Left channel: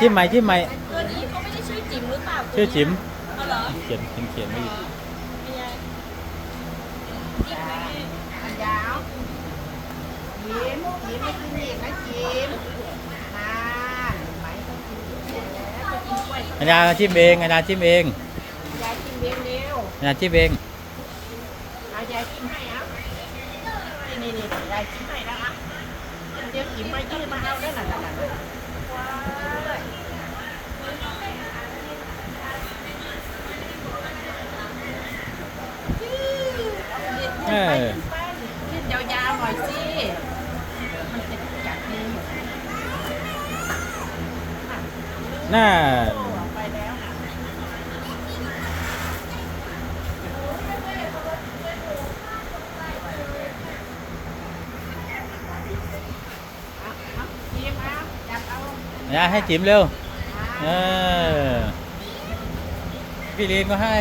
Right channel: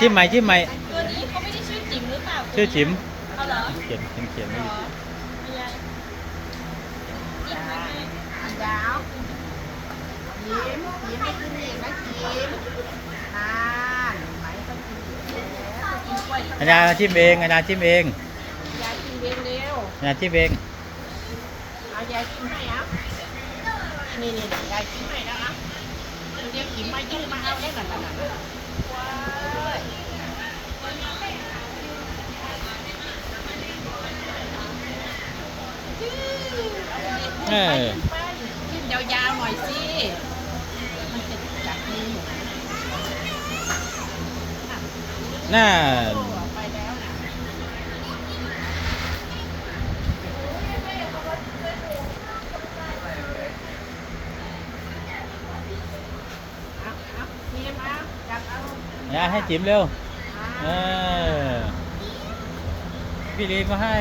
จิ้มใหม่จิ้มใหม่ตัวนี้เขาไม่ได้ชื่อจิ๋มหรือเปล่าชื่อจิ๋มเอาเหรอเขียนไม่อยู่ยาวยิ้มไม่กินอีกนะจิ้มนานอาจารย์จิ้มเองอาจารย์จิ้มเองยายกินเองเร็วอาจารย์จิ้มเองเอายายกินให้อ่ะนี่ยายกินให้แล้วอ่ะเดี๋ยวกินมายืดมาเอาได้หน่อยยืดยาวๆหน่อยสิน่าให้จิ๋มเร็วพี่ลีนก็ให้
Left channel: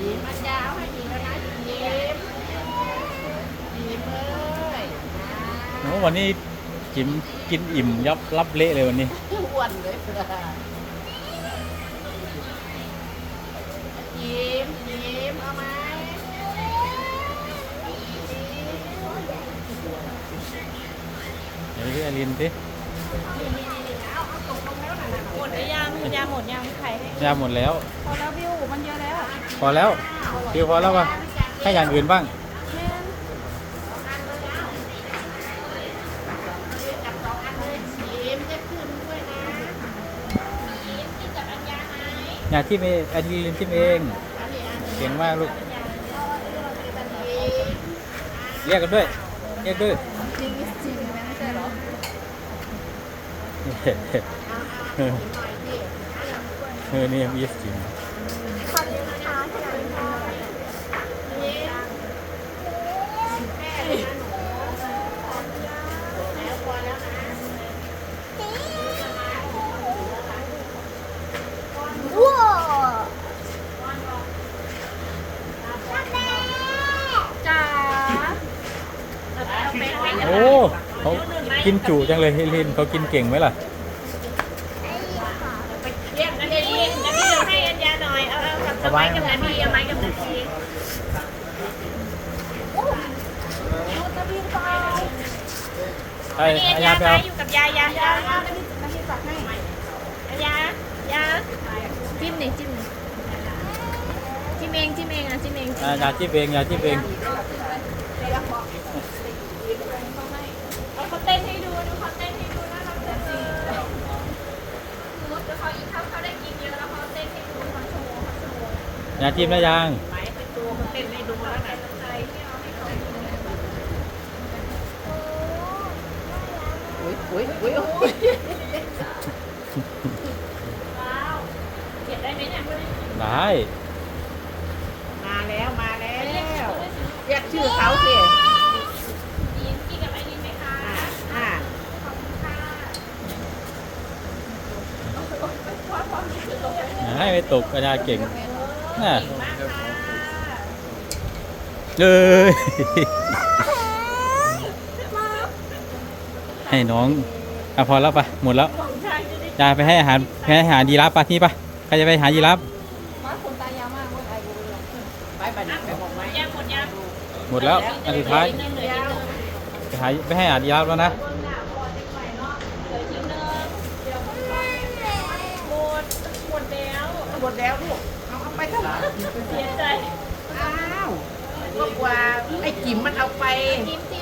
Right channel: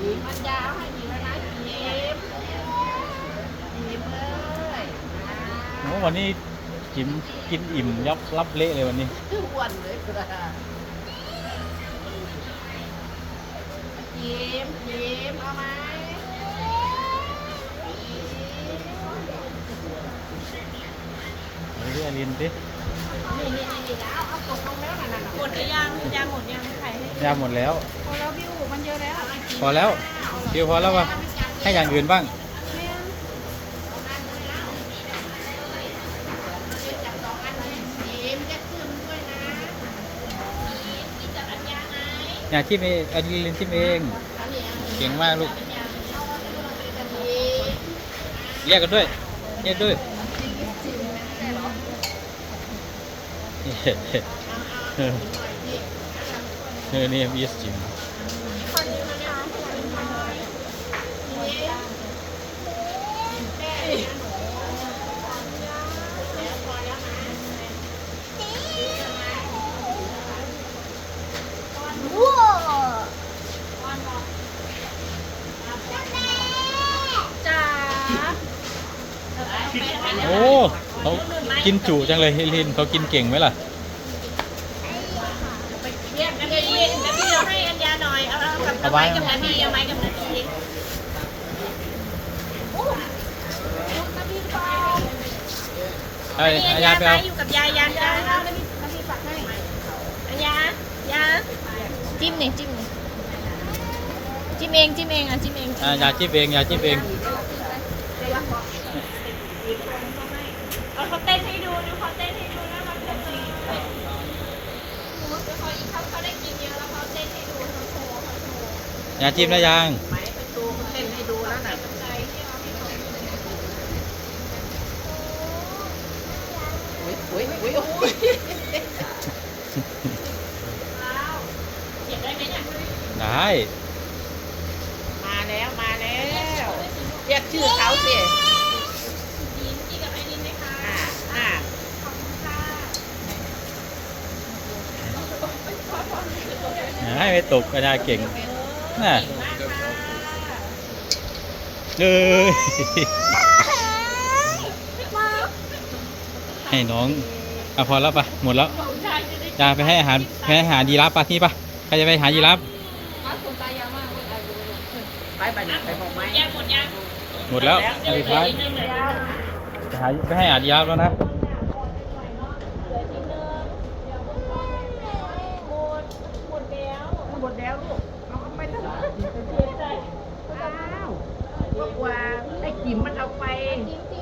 ยิ้มมันยาวให้ยิ้มนะยิ้มเลยโอ้วันนี้จิ๋มกินอิ่มยับรับเละเลยวันนี้อ้วนเลยยิ้มเอาไหมเดี๋ยวพี่อลินสิหมดหรือยังยาหมดยังไข่ยาหมดแล้วพอแล้ววิวมันเยอะแล้วพอแล้ววิวพอแล้วป่ะให้อย่างอื่นบ้างอย่าทิมเองอลินทิมเองเก่งมากลูกเรียกกันด้วยเรียกด้วยนี่มีสจิมโอ้เขากินจุจังเลยเฮลินเขากินเก่งไหมล่ะเอาไว้อายาไปเอาอยู่กับยายาฝากให้ยาจิ้มเองจิ้มเองจิ้มเองอ่ะจิ้มเองยาจิ้มเองยาจิ้มเองเขาเต้นให้ดูเขาเต้นให้ดูน่ารักจังเลยเขาอีกเขาได้กินเยอะแล้วเขาเต้นให้ดูเขาโชว์ยาจิ้มแล้วยังเป็นตัวเขาเต้นให้ดูแล้วไหนต้องใจโอ้ยเก็บได้ไหมเนี่ยได้มาแล้วเรียกชื่อเขาสิกินกับไอรินไหมคะให้ไปตกกระดาเก่งน่ะให้น้องพอแล้วปะหมดแล้วจะไปให้อาหารยีราฟปะที่ปะใครจะไปหายีราฟหมดแล้วอันสุดท้ายไปให้อาหารยีราฟแล้วนะหมดแล้วลูกเอาไปทำไมเสียใจอ้าวกว่าไอ้จิ๋มมันเอาไปจิ๋ม